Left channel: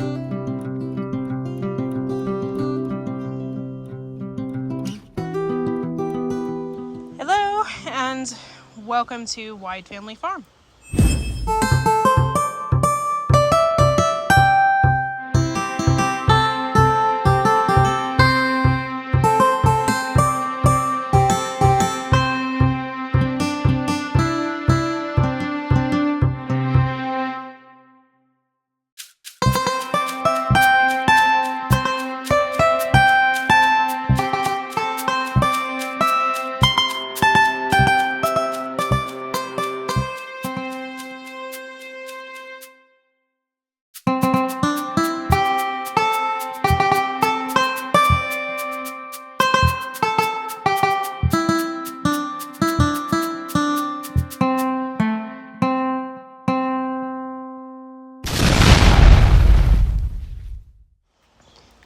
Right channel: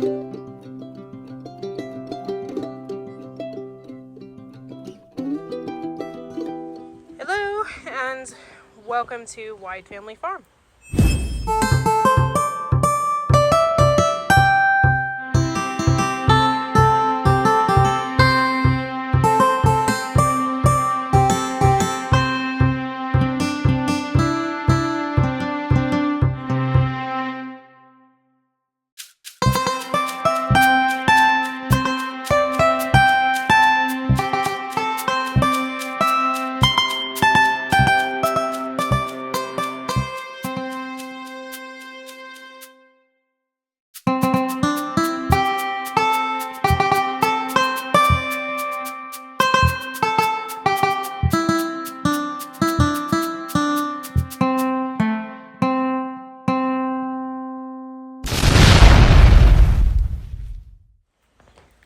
Hello and welcome to Wide Family Farm.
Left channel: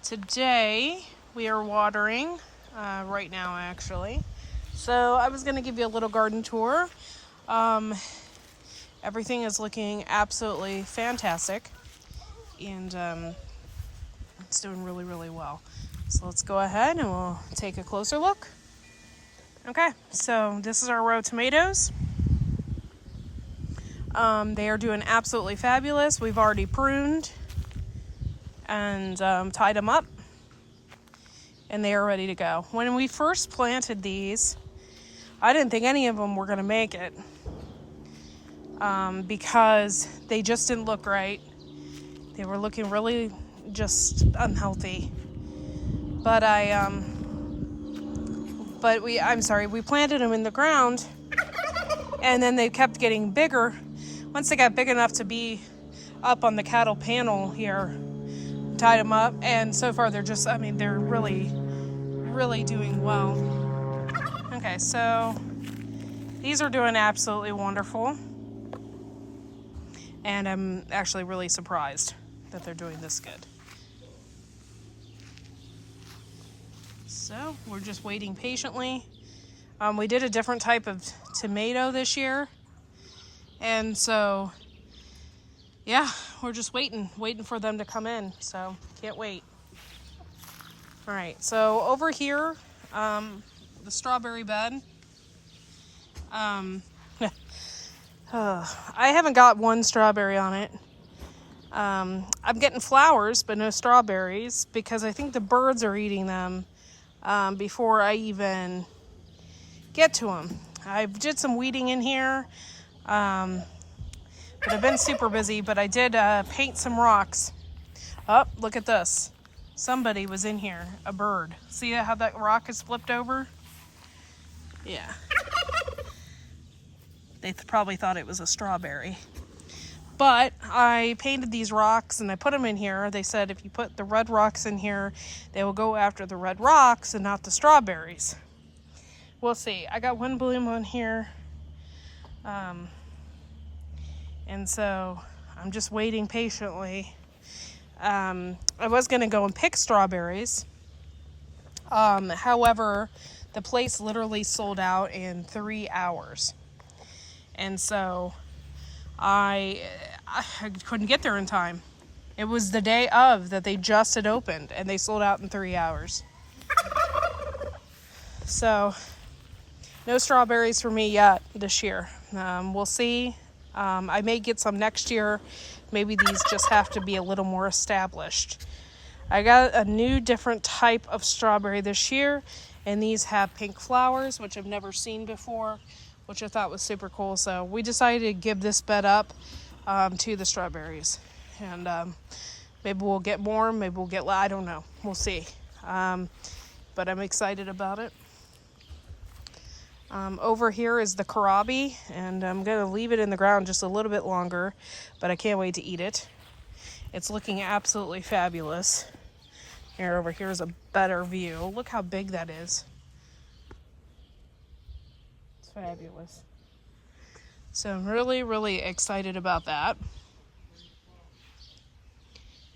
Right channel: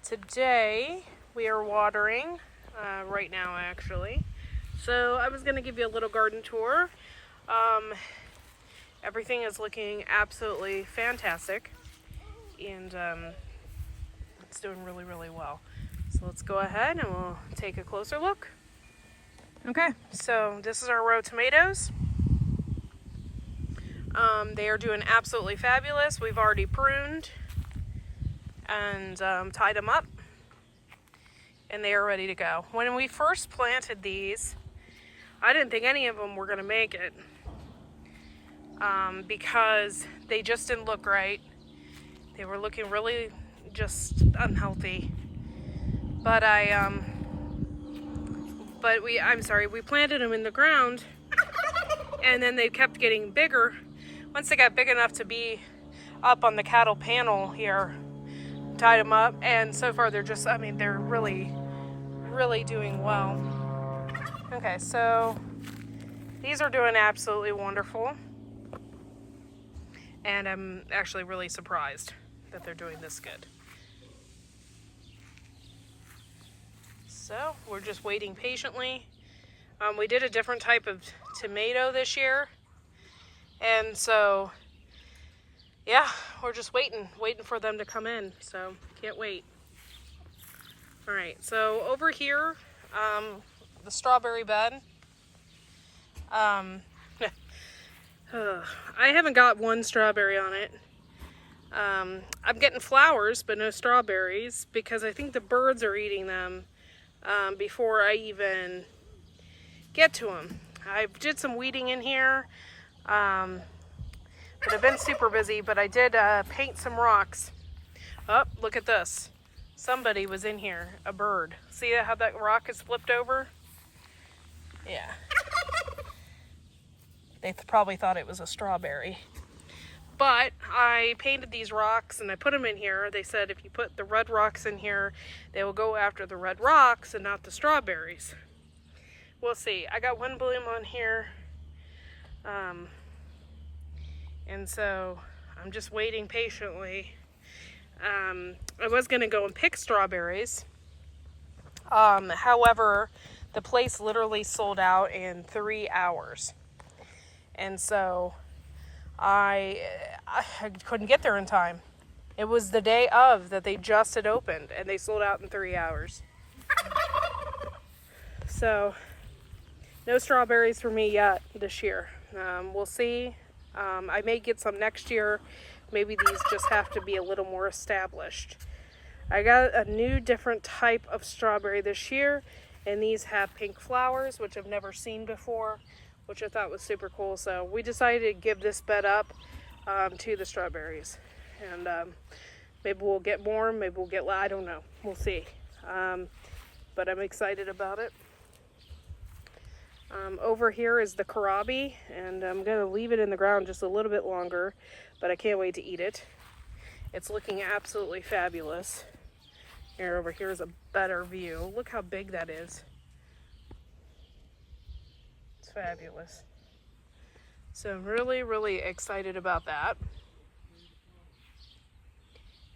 Today we are watering right now actually. So I was going to give you a little garden tour. Everything is looking absolutely fantastic and it's doing really well. So let's go ahead and we'll take a closer look. Okay, so this is our row of tomatoes. They are doing absolutely fabulous. We've already pruned and tied them up, and they are ready to go. When we first planted these, I didn't think any of them were going to make it because they just didn't look right. They were looking really just unhealthy. But we planted them in the ground, and then they kept getting bigger. Once they got big enough to be up on the cattle panel here, tied them up, and so far they're really doing well. Okay, so these are doing absolutely wonderful, and I'm actually really surprised that they're doing this good. So we're just waiting patiently. We did a different type of tomato this year, and so yeah, we're just waiting for them to come in, so can't wait. All right, so over here, the strawberry bed. I haven't got one strawberry on it. I'm getting flowers, but no strawberries, because I think the birds are eating them before I even get to them. I did some weeding in here. But I've been super busy, but I did paint some rocks. Oh, look at this. Somebody was in here, a bird. See how that rock is flipped over? Yeah. They probably thought it was a strawberry. But I painted these rocks and I put them in here. They said if you put the red rocks in here, they will go after the red rocks and not the strawberries. We'll see. I got one bloom on here. And so I'm just waiting patiently. I was going to go and pick strawberries. However, the place literally sold out in 3 hours. And so I couldn't get there in time. It was the day of that they just had opened, and they sold out in 3 hours. So no strawberries for me yet this year. We'll see. I may get some next year. Maybe these just have to be a little more established. I got a new different type of strawberry this year, and these have pink flowers, which I've never seen before, which I thought was super cool. So we decided to give this bed up to the strawberries. And maybe we'll get more, maybe we'll get, I don't know. We'll see. But I'm excited about it. Over here is the kohlrabi, and I'm going to leave it in the ground just a little bit longer, but I can't wait to eat it. It's looking absolutely fabulous. Here, over here is a better view. Look how big that is. It's fabulous. So I'm really excited about that.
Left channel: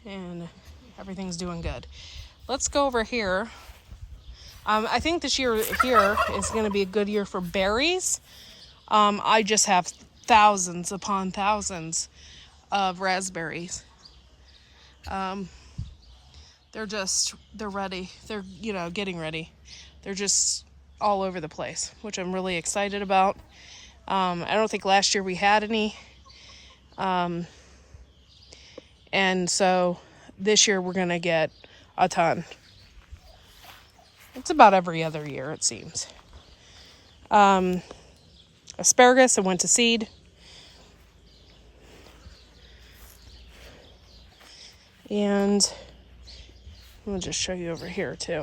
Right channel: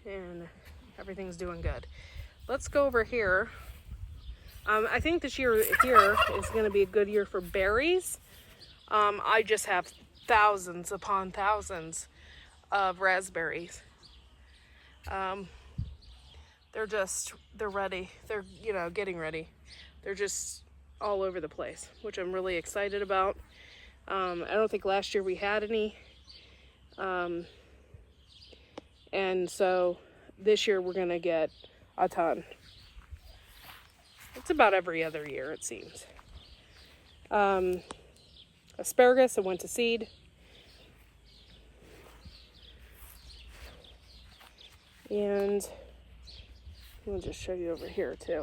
And everything's doing good. Let's go over here. I think this year here is going to be a good year for berries. I just have thousands upon thousands of raspberries. They're ready. They're, getting ready. They're just all over the place, which I'm really excited about. I don't think last year we had any. And so this year we're going to get a ton. It's about every other year, it seems. Asparagus, I went to seed. And I'm going to just show you over here too.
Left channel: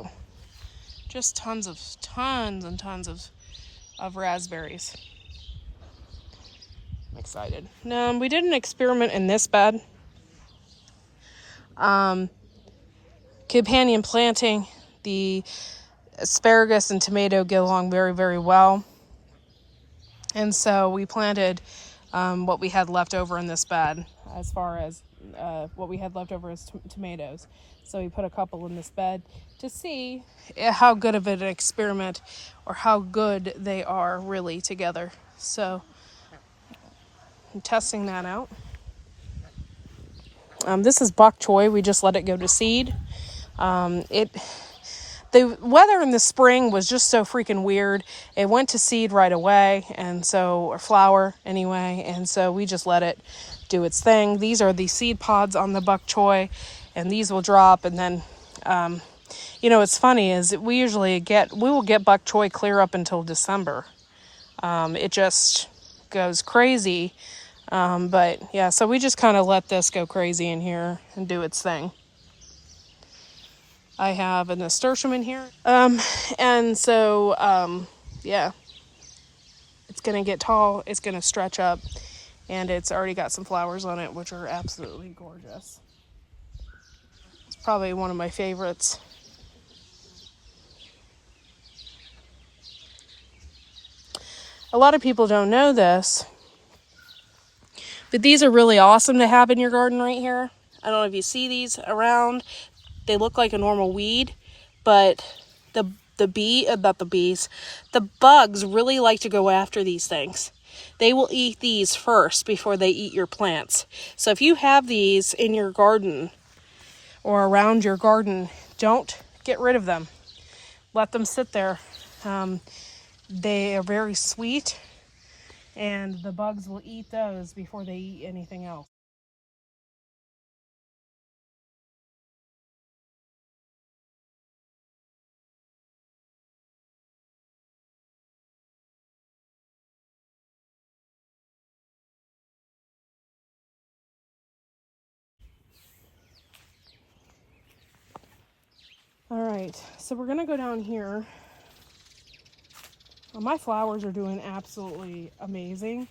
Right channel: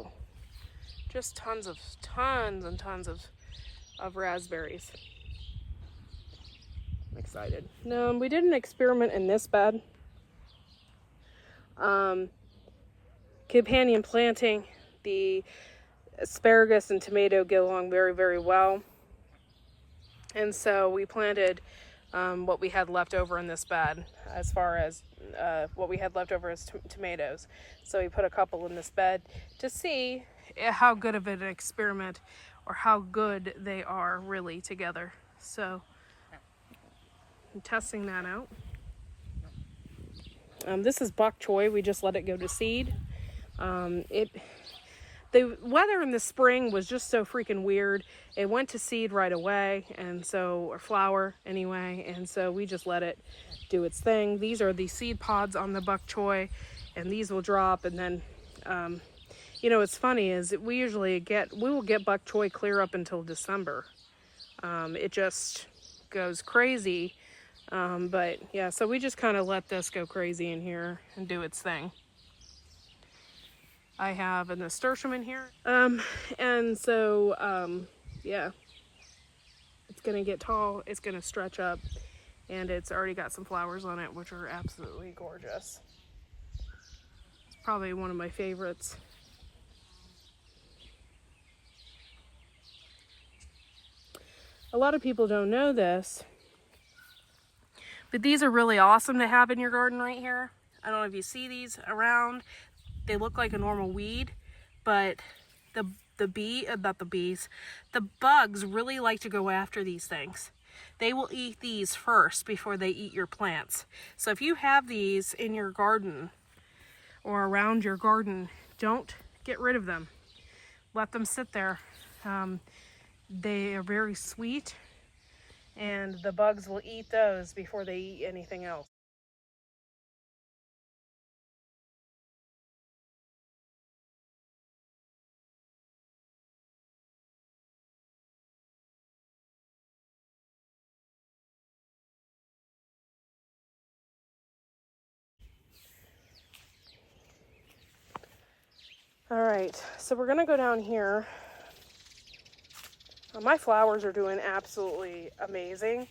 Just tons and tons of raspberries. I'm excited. We did an experiment in this bed. Companion planting, the asparagus and tomato get along very, very well. And so we planted what we had left over in this bed, as far as what we had left over as tomatoes. So we put a couple in this bed to see how good of an experiment, or how good they are really together. So I'm testing that out. This is bok choy. We just let it go to seed. The weather in the spring was just so freaking weird. It went to seed right away, or flower anyway, and so we just let it do its thing. These are the seed pods on the bok choy, and these will drop, and then what's funny is we will get bok choy clear up until December. It just goes crazy. But yeah, so we just kind of let this go crazy in here and do its thing. I have a nasturtium in here. And so, yeah, it's going to get tall. It's going to stretch up, and it's already got some flowers on it, which are absolutely gorgeous. It's probably one of my favorites. A lot of people don't know this, but these are really awesome to have in your garden right here. I don't know if you see these around. They look like a normal weed, but the bugs really like to go after these things. They will eat these first before they eat your plants. So if you have these in your garden or around your garden, don't get rid of them. Let them sit there. They are very sweet, and the bugs will eat those before they eat anything else. All right, so we're gonna go down here. My flowers are doing absolutely amazing.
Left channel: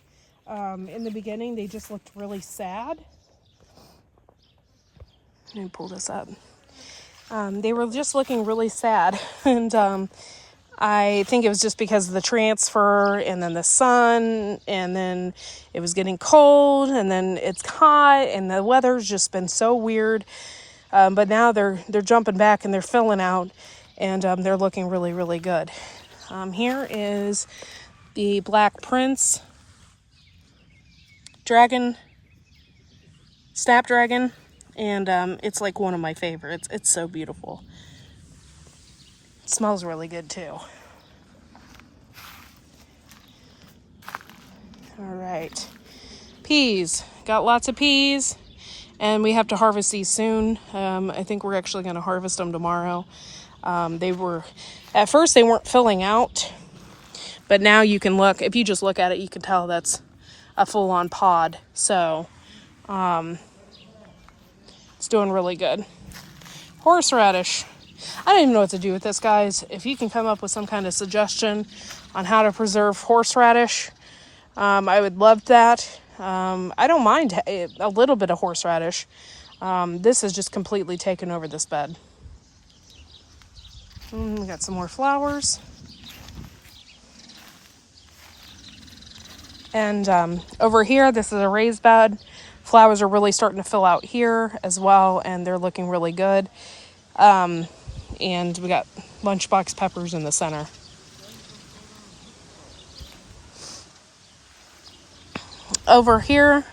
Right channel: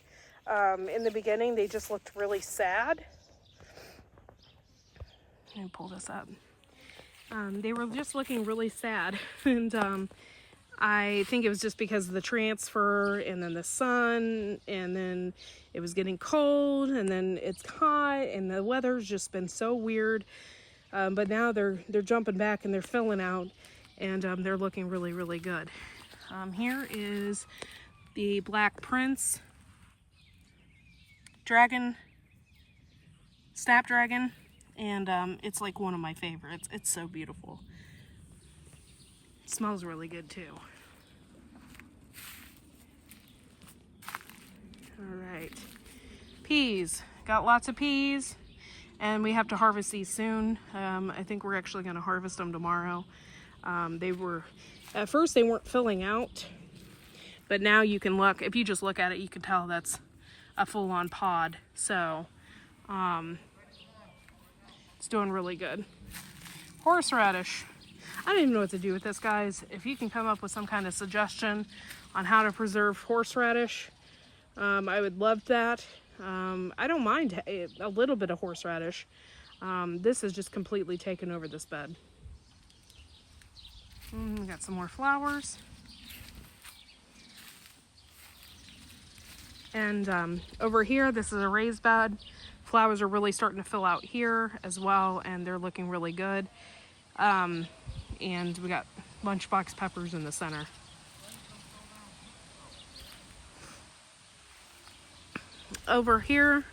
In the beginning, they just looked really sad. Let me pull this up. They were just looking really sad, and I think it was just because of the transfer, and then the sun, and then it was getting cold, and then it's hot, and the weather's just been so weird. But now they're jumping back and they're filling out, and they're looking really, really good. Here is the Black Prince dragon, snapdragon, and it's like one of my favorites. It's so beautiful. It smells really good too. All right, peas. Got lots of peas, and we have to harvest these soon. I think we're actually going to harvest them tomorrow. At first they weren't filling out, but now you can look, if you just look at it, you can tell that's a full-on pod. So it's doing really good. Horseradish. I don't even know what to do with this, guys. If you can come up with some kind of suggestion on how to preserve horseradish, I would love that. I don't mind a little bit of horseradish. This has just completely taken over this bed. We got some more flowers. And over here, this is a raised bed. Flowers are really starting to fill out here as well, and they're looking really good. And we got lunchbox peppers in the center. Over here,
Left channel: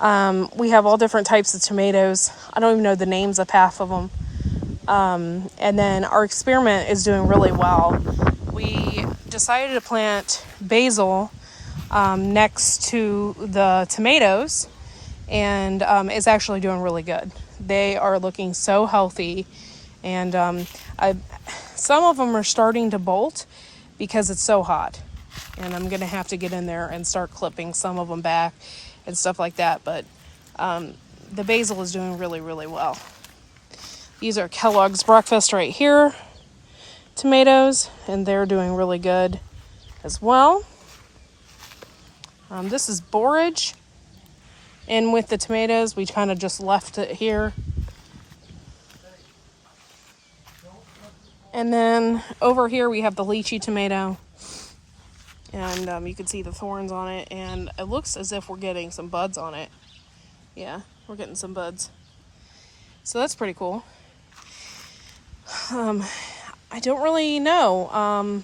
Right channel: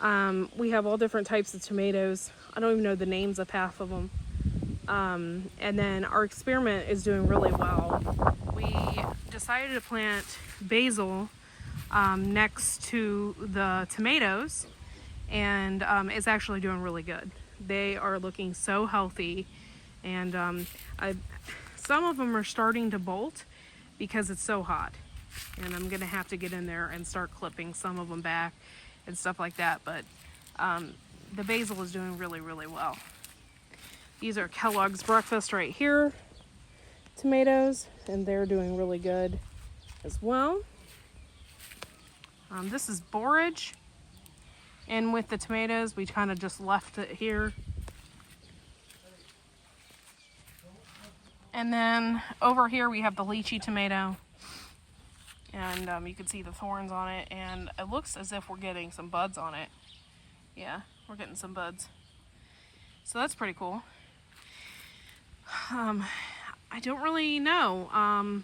We have all different types of tomatoes. I don't even know the names of half of them. And then our experiment is doing really well. We decided to plant basil next to the tomatoes, and it's actually doing really good. They are looking so healthy, and some of them are starting to bolt because it's so hot, and I'm gonna have to get in there and start clipping some of them back and stuff like that. But the basil is doing really, really well. These are Kellogg's Breakfast right here tomatoes, and they're doing really good as well. This is borage, and with the tomatoes we kind of just left it here. And then over here we have the lychee tomato, and you can see the thorns on it, and it looks as if we're getting some buds on it. Yeah, we're getting some buds, so that's pretty cool. I don't really know.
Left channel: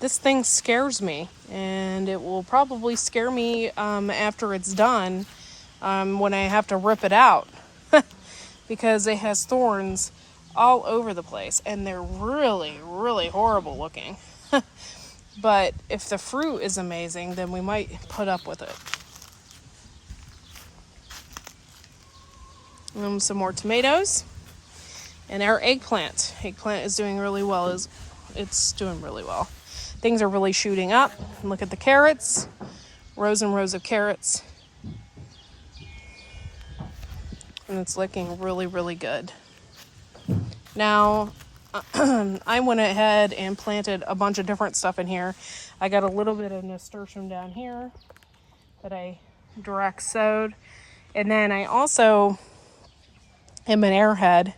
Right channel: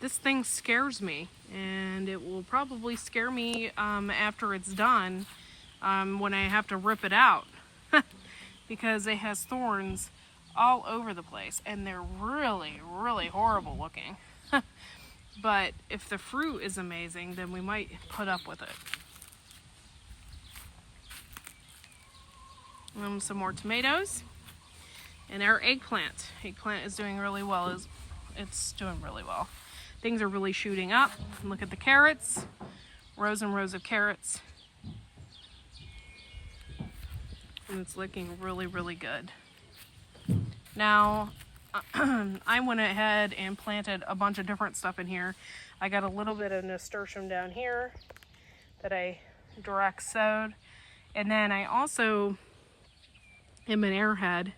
This thing scares me, and it will probably scare me after it's done, when I have to rip it out because it has thorns all over the place, and they're really, really horrible looking. But if the fruit is amazing, then we might put up with it. Some more tomatoes. And our eggplant. Eggplant is doing really well. It's doing really well. Things are really shooting up. Look at the carrots. Rows and rows of carrots. And it's looking really, really good. Now, I went ahead and planted a bunch of different stuff in here. I got a little bit of nasturtium down here that I direct sowed. And then I also am an airhead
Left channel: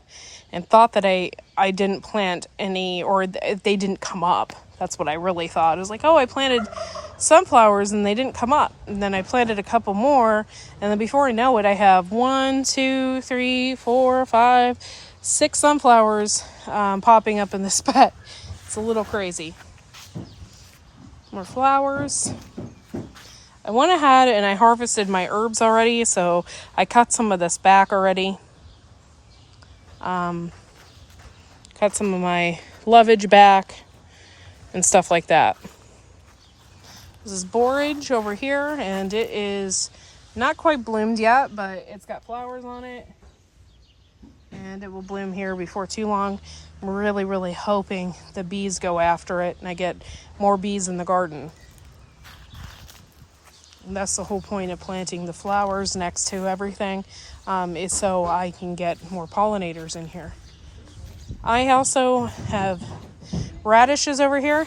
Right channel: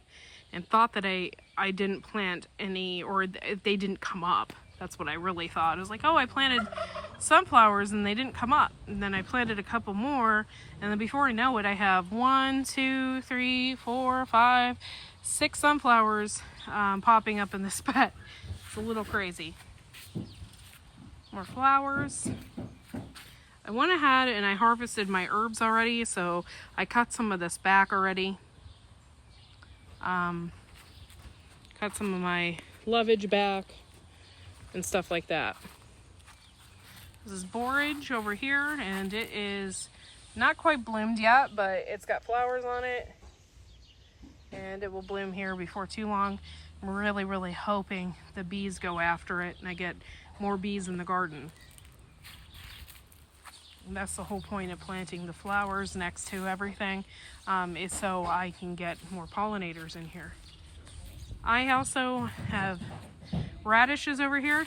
and thought that I didn't plant any, or they didn't come up. That's what I really thought. I was like, oh, I planted sunflowers and they didn't come up. And then I planted a couple more, and then before I know it, I have 1, 2, 3, 4, 5, 6 sunflowers popping up in this bed. It's a little crazy. More flowers. I went ahead and I harvested my herbs already, so I cut some of this back already. Cut some of my lovage back and stuff like that. This is borage over here, and it is not quite bloomed yet, but it's got flowers on it, and it will bloom here before too long. I'm really, really hoping the bees go after it and I get more bees in the garden. And that's the whole point of planting the flowers next to everything, is so I can get more pollinators in here. I also have radishes over here.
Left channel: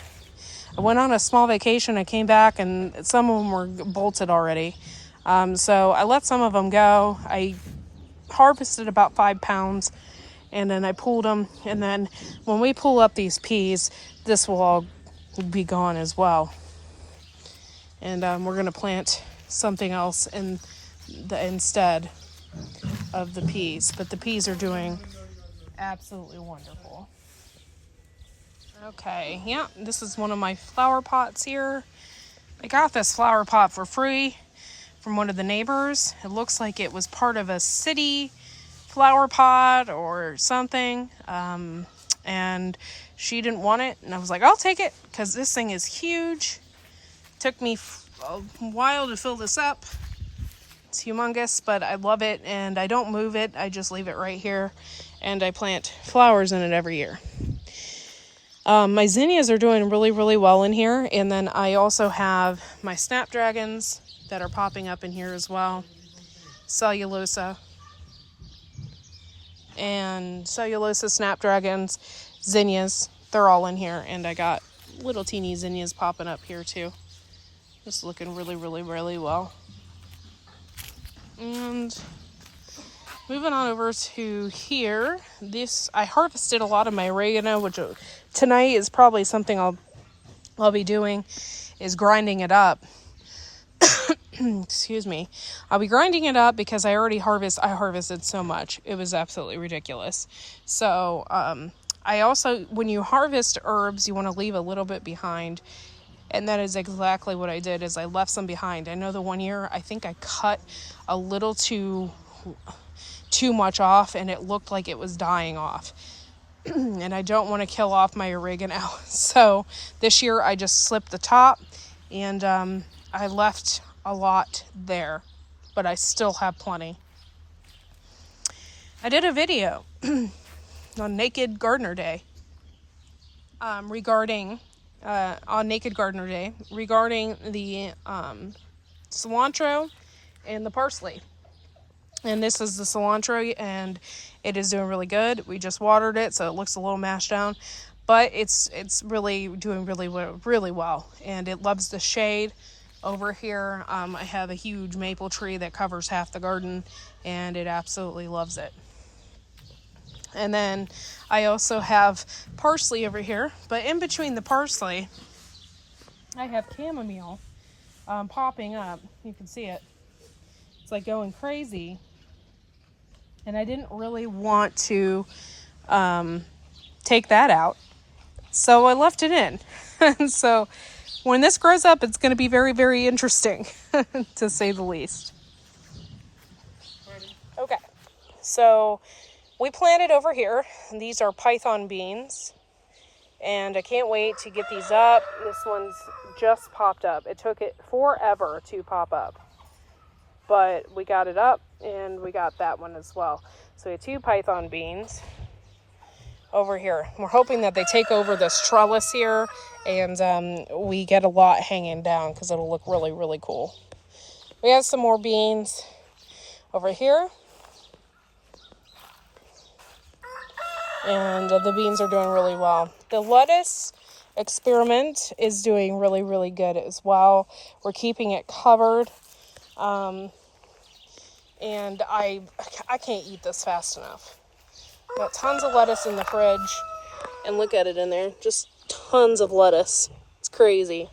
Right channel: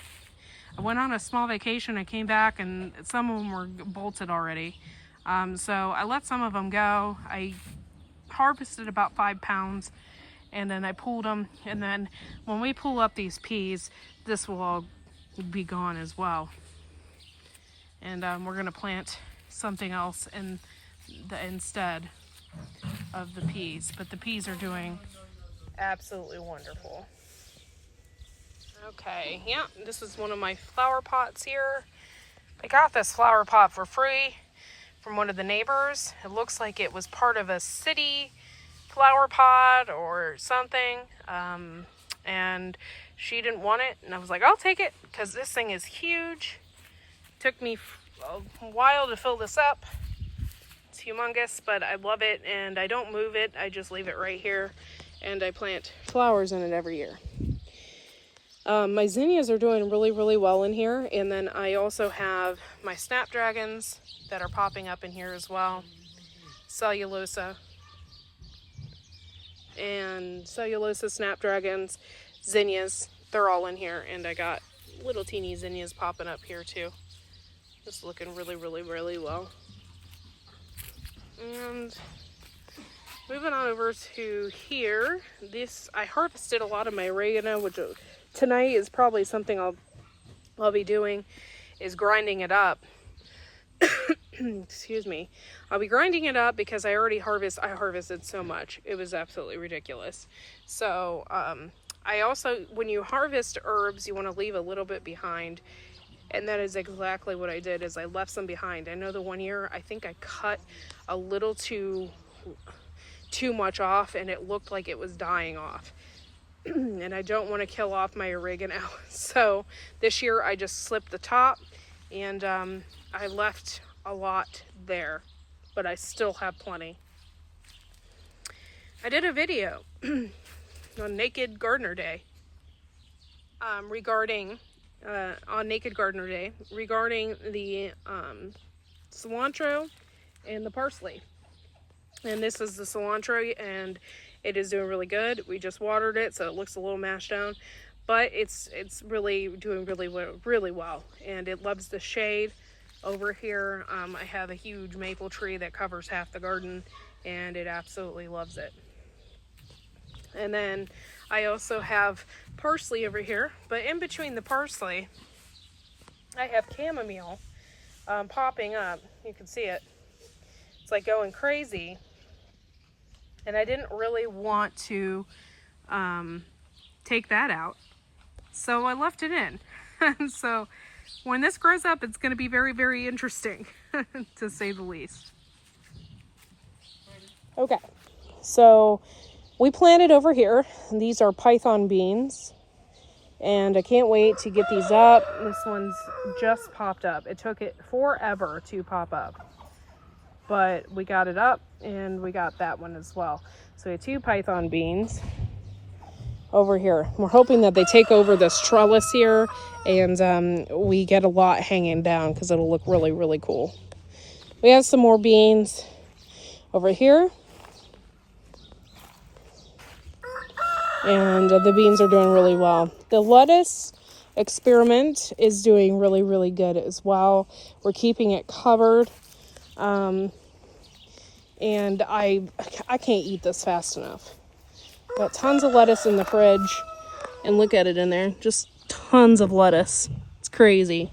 I went on a small vacation. I came back and some of them were bolted already. So I let some of them go. I harvested about 5 pounds, and then I pulled them. And then when we pull up these peas, this will all be gone as well. And we're going to plant something else instead of the peas. But the peas are doing absolutely wonderful. Okay, yeah, this is one of my flower pots here. I got this flower pot for free from one of the neighbors. It looks like it was part of a city flower pot or something. And she didn't want it, and I was like, I'll take it, because this thing is huge. Took me a while to fill this up. It's humongous, but I love it, and I don't move it. I just leave it right here, and I plant flowers in it every year. My zinnias are doing really, really well in here, and then I also have my snapdragons that are popping up in here as well. Cellulosa, snapdragons, zinnias, they're all in here, and I got little teeny zinnias popping up here too. Just looking really, really, really well. And moving on over to here, I harvested a lot of my oregano, which tonight is probably something I'll be doing, is grinding it up. Excuse me. I'll be grinding it up because I harvested so much. It was absolutely ridiculous. So I also, when you harvest herbs, you want to leave a little bit behind And that is exactly what I did, is I left some behind. I know the one year I think I cut a little too much off, and it looked like it was dying off. And I don't want to kill off my oregano. So this year I just slipped the top, and I left a lot there, but I still have plenty. I did a video on Naked Gardener Day regarding the cilantro and the parsley. And this is the cilantro, and it is doing really good. We just watered it, so it looks a little mashed down, but it's really doing really well, and it loves the shade. Over here, I have a huge maple tree that covers half the garden, and it absolutely loves it. And then I also have parsley over here, but in between the parsley, I have chamomile popping up. You can see it. It's like going crazy. And I didn't really want to take that out, so I left it in. And so when this grows up, it's going to be very, very interesting, to say the least. Okay, so we planted over here. These are python beans, and I can't wait to get these up. This one's just popped up. It took it forever to pop up, but we got it up, and we got that one as well. So we have 2 python beans over here. We're hoping that they take over this trellis here, and we get a lot hanging down, because it'll look really, really cool. We have some more beans over here, and the beans are doing really well. The lettuce experiment is doing really, really good as well. We're keeping it covered. And I can't eat this fast enough. Got tons of lettuce in the fridge, and look at it in there, just tons of lettuce. It's crazy.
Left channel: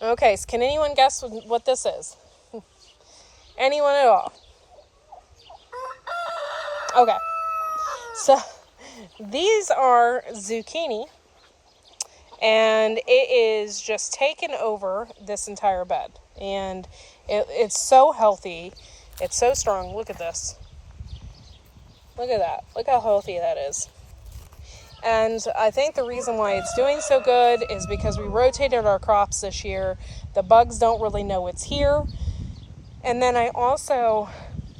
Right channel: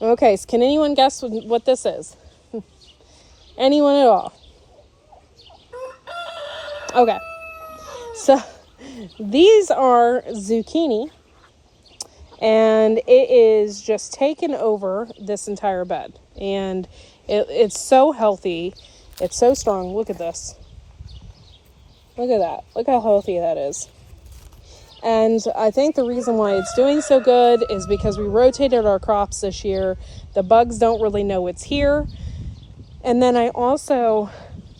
Okay, so can anyone guess what this is? Anyone at all? Okay, so these are zucchini, and it is just taken over this entire bed. And it's so healthy. It's so strong. Look at this. Look at that. Look how healthy that is. And I think the reason why it's doing so good is because we rotated our crops this year. The bugs don't really know it's here. And then I also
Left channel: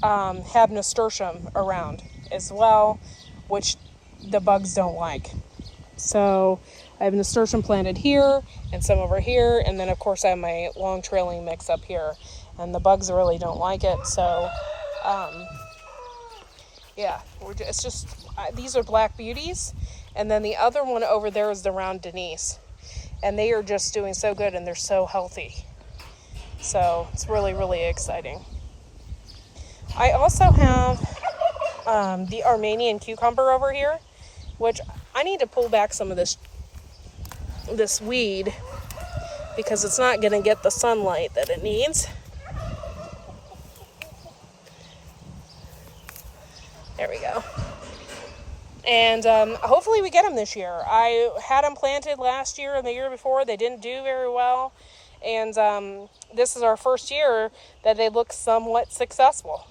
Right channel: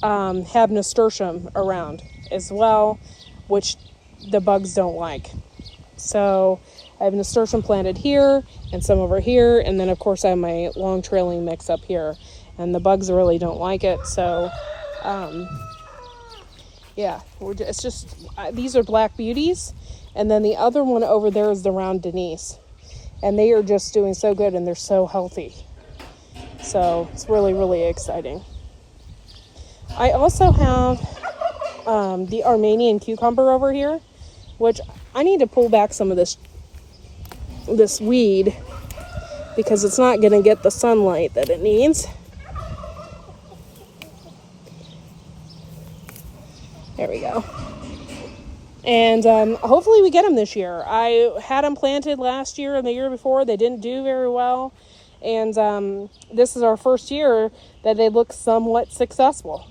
have nasturtium around as well, which the bugs don't like. So I have nasturtium planted here and some over here, and then of course I have my long trailing mix up here, and the bugs really don't like it. So yeah, it's just these are black beauties, and then the other one over there is the round Denise, and they are just doing so good, and they're so healthy. So it's really, really exciting. I also have the Armenian cucumber over here, which I need to pull back some of this weed, because it's not going to get the sunlight that it needs. There we go. And hopefully we get them this year. I had them planted last year and the year before. They didn't do very well. And this is our first year that they look somewhat successful.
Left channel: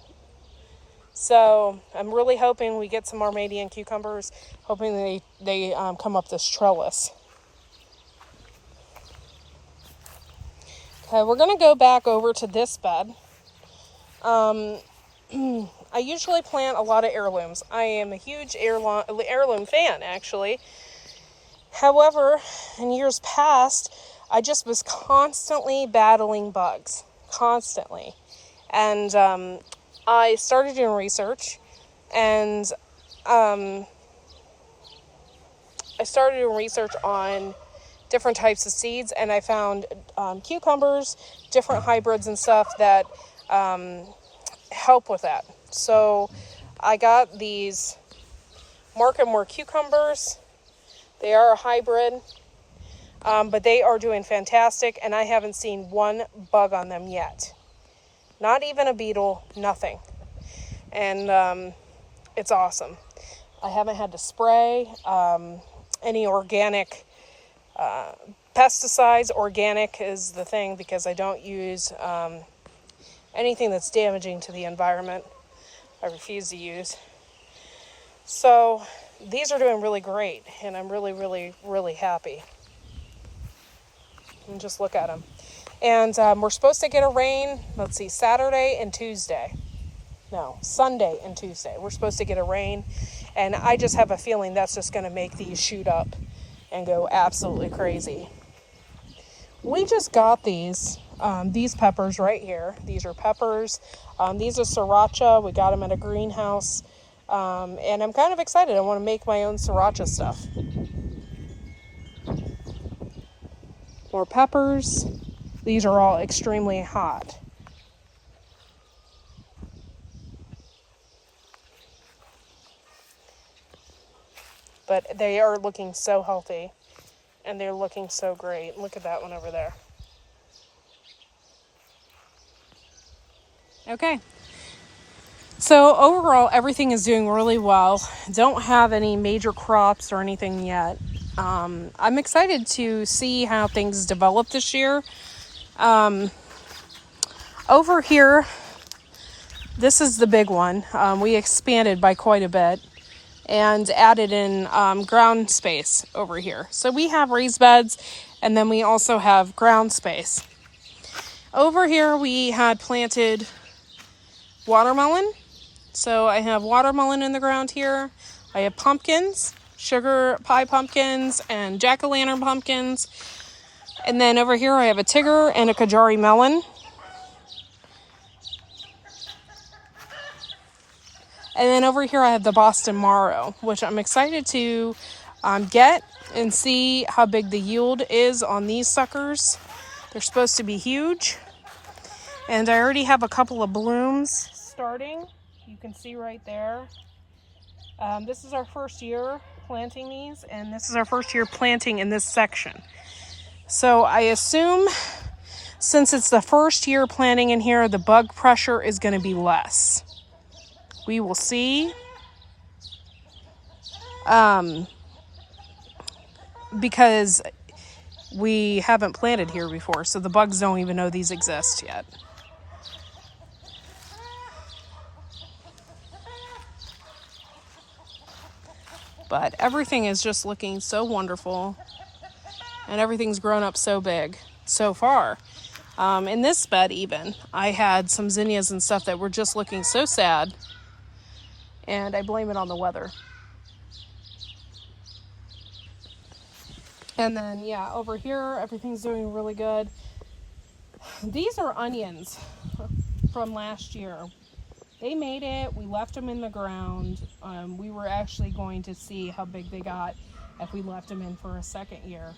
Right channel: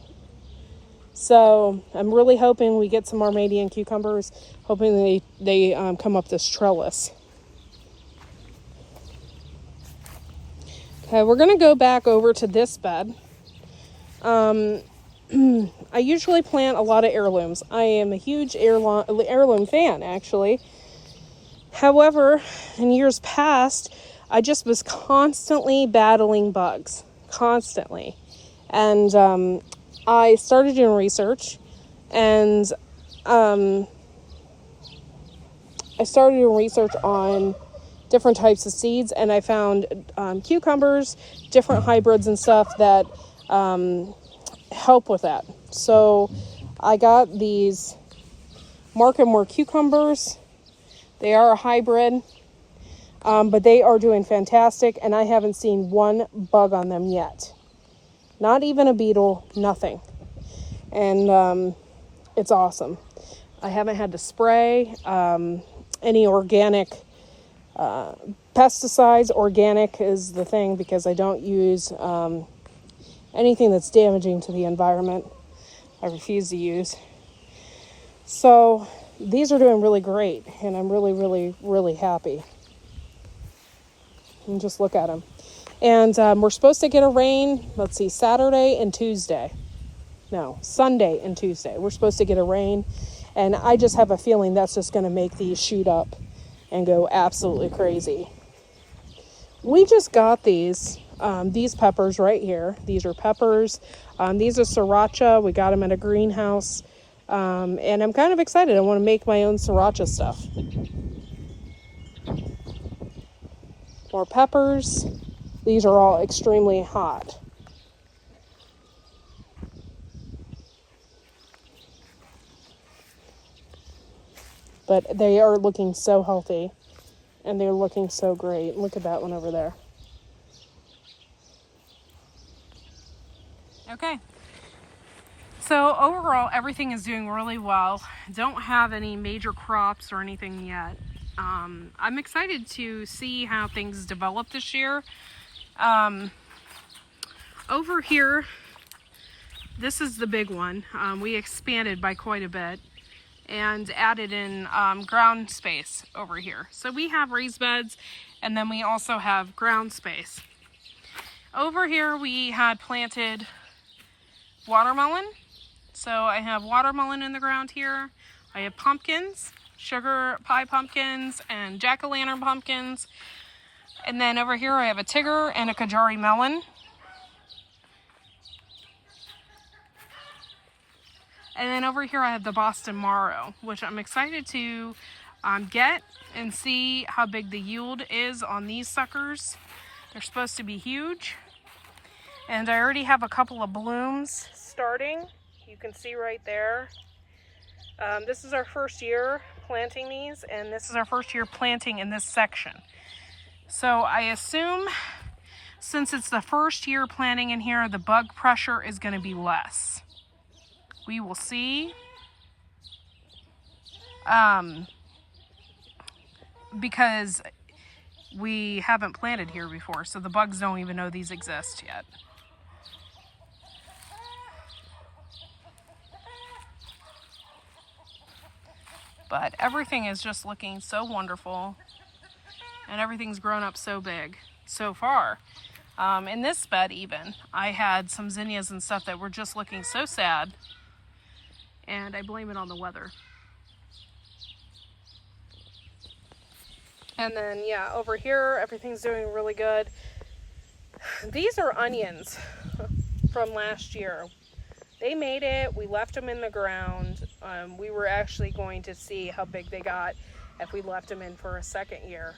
So I'm really hoping we get some Armenian cucumbers, hoping they come up this trellis. Okay, we're going to go back over to this bed. I usually plant a lot of heirlooms. I am a huge heirloom fan, actually. However, in years past, I just was constantly battling bugs. Constantly. And I started doing research, and I started doing research on different types of seeds, and I found cucumbers, different hybrids and stuff that help with that. So I got these Mark & More cucumbers. They are a hybrid, but they are doing fantastic, and I haven't seen one bug on them yet. Not even a beetle, nothing. And it's awesome. I haven't had to spray, and any organic pesticides. Organic is the thing because I don't use anything that's damaging to the environment. I refuse to use. So these are doing really great, and I'm really, really, really happy. And just look at them. And we're supposed to get a rain, let's see, Saturday and Tuesday. No, Sunday and Tuesday. We're supposed to get a rain. And I just have a feeling that's just going to make these shoot up and go absolutely crazy. We just got these peppers right here. These are peppers. These are sriracha. We got them at a greenhouse. And I'm kind of excited. I want to make my own sriracha stuff. More peppers. These are all extremely hot. But they are looking so healthy. And they're looking so great. Look at that one over there. Okay. So overall, everything is doing really well. Don't have any major crops or anything yet. I'm excited to see how things develop this year. Over here, this is the big one. We expanded by quite a bit and added in ground space over here. So we have raised beds, and then we also have ground space. Over here, we had planted watermelon. So I have watermelon in the ground here. I have pumpkins, sugar pie pumpkins, and jack-o'-lantern pumpkins. And then over here I have a Tigger and a Kajari melon. And then over here I have the Boston Marrow, which I'm excited to get and see how big the yield is on these suckers. They're supposed to be huge. And I already have a couple of blooms starting. You can see right there. This is our first year planting these, and this is our first year planting in this section. So I assume since it's the first year planting in here, the bug pressure is going to be less. We will see. Because we haven't planted here before, so the bugs don't even know these exist yet. But everything is just looking so wonderful, and everything's grown up so big so far. In this bed even, I had some zinnias and stuff that were just looking so sad, and I blame it on the weather. And then, yeah, over here, everything's doing really good. These are onions from last year. They made it. We left them in the ground. We were actually going to see how big they got if we left them in for a second year.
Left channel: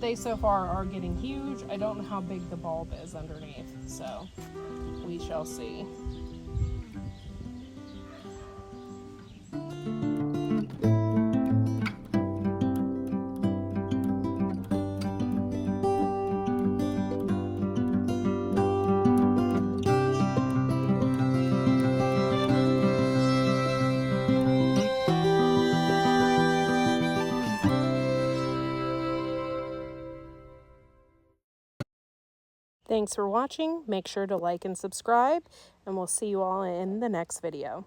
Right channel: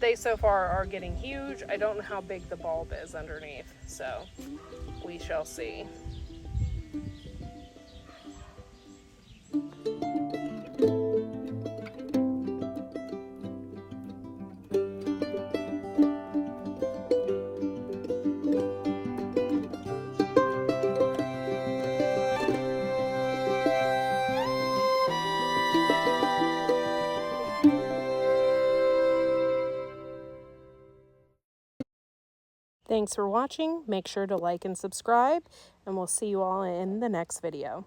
They so far are getting huge. I don't know how big the bulb is underneath, so we shall see. Thanks for watching. Make sure to like and subscribe, and we'll see you all in the next video.